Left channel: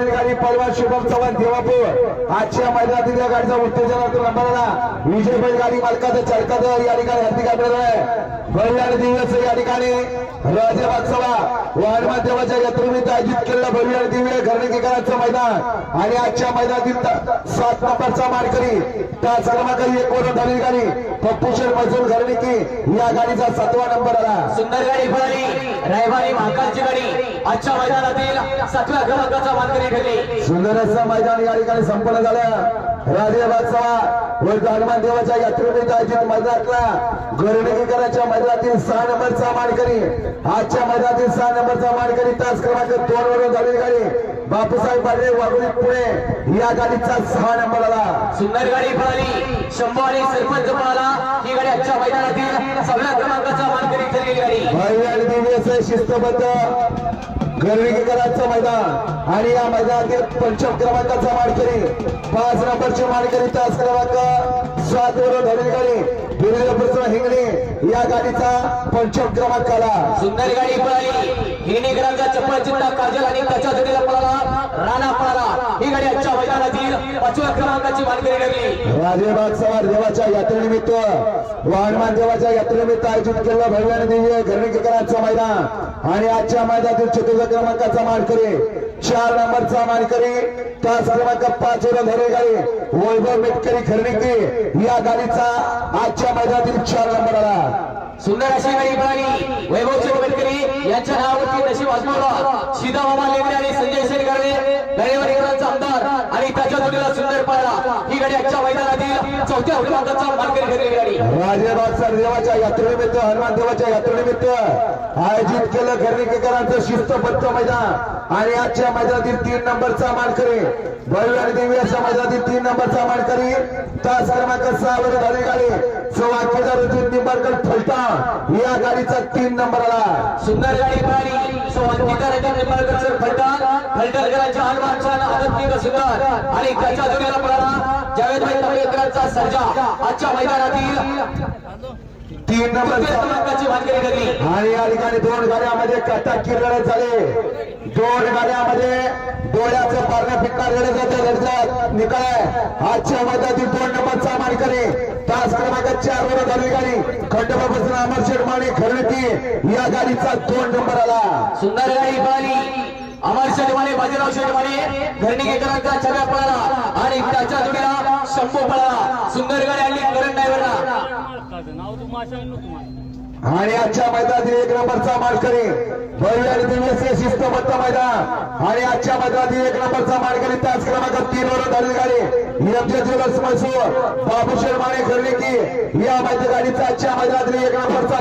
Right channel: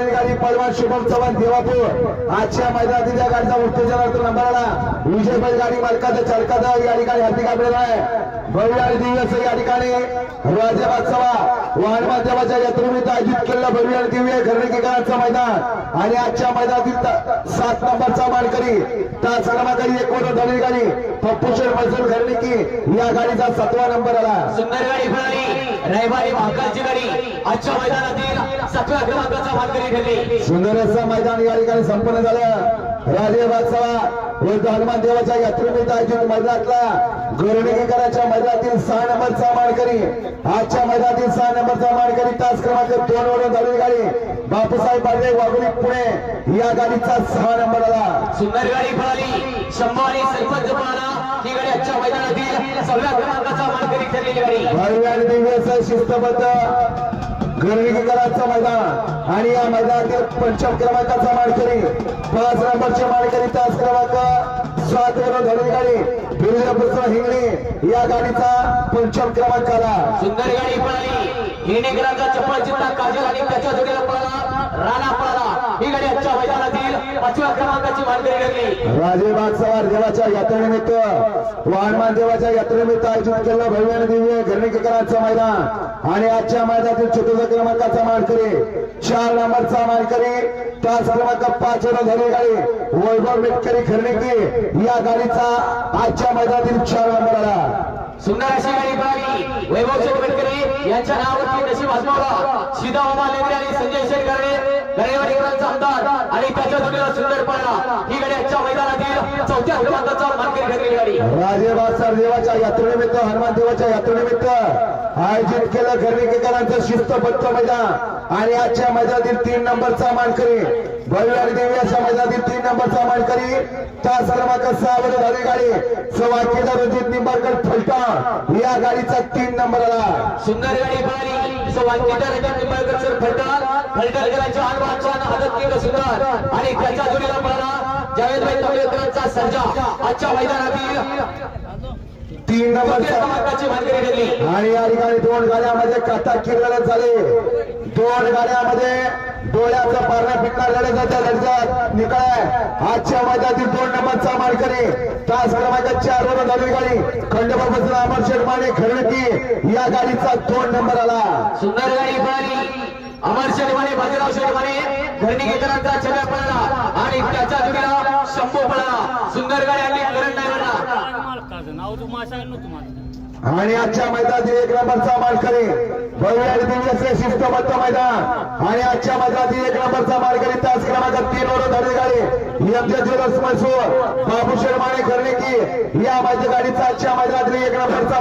झालेली गाडी पहलवान शुभम चव्हाण देवापूर आजच्या मैदानातील या गाडीचा उत्तेजनार्थ नंबर आला विजय बैलगाडी मालकाचा चालकाचा या ठिकाणी हत्ती काढलेला आहे भव्य आणि दिव्य या ठिकाणी राजा बादशाह वाहनमान देवाच्या यात्रेनिमित्त आयोजित केलेला भव्य आणि दिव्य घरणीकरांचं मैदान आणि आजच्या मैदानातील 7 नंबरचा मानकरी त्या क्रमांक 1 वर झालेली गाडी पप्पूशेठ मैसूर घरणीकी या गाडीचा 7वा नंबर आला सुंदर गाडी पळाली रविवारी महाकालची गाडी आजच्या मैदानातील 7व्या क्रमांकाचा मानकरी ठरली सुंदर असं मैदान या ठिकाणी संपन्न झालं राजे बादशाह व हनुमान देवाच्या यात्रेनिमित्त आयोजित मैदानातला घरणीकरांच्या मैदानातील 6 नंबरचा मानकरी आजच्या मैदानातील 6 नंबरचा मानकरी तास क्रमांक 2 वरून झालेली गाडी बापूसाहेब पाडवे वाघोली पुणे या गाडीचा 6 नंबर आला सुंदर गाडी पळाली शंभू आणि सरपंच पळाला ही गाडी आजच्या मैदानातील 6व्या क्रमांकाचा मानकरी ठरलेली गाडी भव्य आणि दिव्य असं शिस्तबद्ध घरणीकरांचं मैदान आणि या मैदानातील 5 क्रमांकाचा मानकरी 5 नंबरचे मानकरी तास क्रमांक 7 वरून झालेली गाडी बिरजापूरचा हिंगणे या गाडीचा 5 क्रमांक आला सुंदर गाडी पळाली हिंगणेकरांचा चप्पल चित्ता काजल आणि त्याच्या जोडीला पळाला राणा पळाला ही गाडी आजच्या मैदानातील 5व्या क्रमांकाची मानकरी ठरली राजे बादशाह देवाच्या यात्रेनिमित्त वाहनमान देवाच्या यात्रेनिमित्त आयोजित केलेलं भव्य आणि दिव्य घरणीकरांचं मैदान आणि आजच्या मैदानातील 4 क्रमांकाचा मानकरी 4 नंबरचा मानकरी तास क्रमांक 5 वर झालेली गाडी वैभव मेटकरी घरणीकी या गाडीचा आजच्या मैदानातील 4 नंबर आला सुंदर अशी गाडी पळाली वैभव चेतकरी यांच्या नावावरती नशीब आजमावला सीधा मामा लेंडे आणि संजय शेठ गळेवाडीकरांचा आमदार आणि त्याच्या जोडीला सुंदर पळाला ही गाडी आजच्या मैदानातील 4थ्या क्रमांकाचा मानकरी ठरलेली गाडी राजे बादशाह देवाच्या यात्रेनिमित्त हनुमान देवाच्या यात्रेनिमित्त आयोजित केलं घरणीकरांचं शिस्तबद्ध मैदान आणि आजच्या मैदानातील 3 नंबरचा मानकरी भव्य आणि दिव्य अशा मैदानातील 3 नंबरचा मानकरी तास क्रमांक 6 वर झालेली गाडी सवाकेदार रणजित निंबाळकर फलटण या गाडीचा 3 नंबर आला सुंदर गाडी पळाली सवाकेदार रणजित निंबाळकर फलटण फलटणकरांच्या हनुमानच्या आदत केलं सुंदर आणि त्याच्या जोडीला पळाला जावेदभाई तंबेकरांचा सर्जा आजच्या मैदानातील 3 नंबरचा क्रमांकाची मानकरी ठरली आणि या ठिकाणी 2 गाड्यामध्ये कथा किरण झाले 2 गाड्यामध्ये डोळ्याचा पारणा फिटणार लढ्याचा लढ्यात निकाल आहे आजच्या मैदानातील 2 नंबरचा मानकरी तास क्रमांक 4 वर झालेली गाडी खंडोबापासून अमर शेठ माने घरणीकी या गाडीचा 2 नंबर आला सुंदर गाडी पळाली अमर शेठ माने बाजीराव शेठ माने घरणीकरांचा छब्या पळाला आणि त्याच्या जोडीला शंभू पळाला सुंदर गाडी आली करण ड्रायव्हरला आणि आजच्या मैदानातील 1 नंबरचा मानकरी भव्य आणि दिव्य शिस्तबद्ध मैदान आणि आजच्या मैदानातील 1 नंबरचा मानकरी तास क्रमांक 3 वर झालेली गाडी एमजे ज्वेलर्स मैसूर बाबूशेठ माने घरणीकी या गाडीचा आजच्या मैदानातील 1 नंबरचा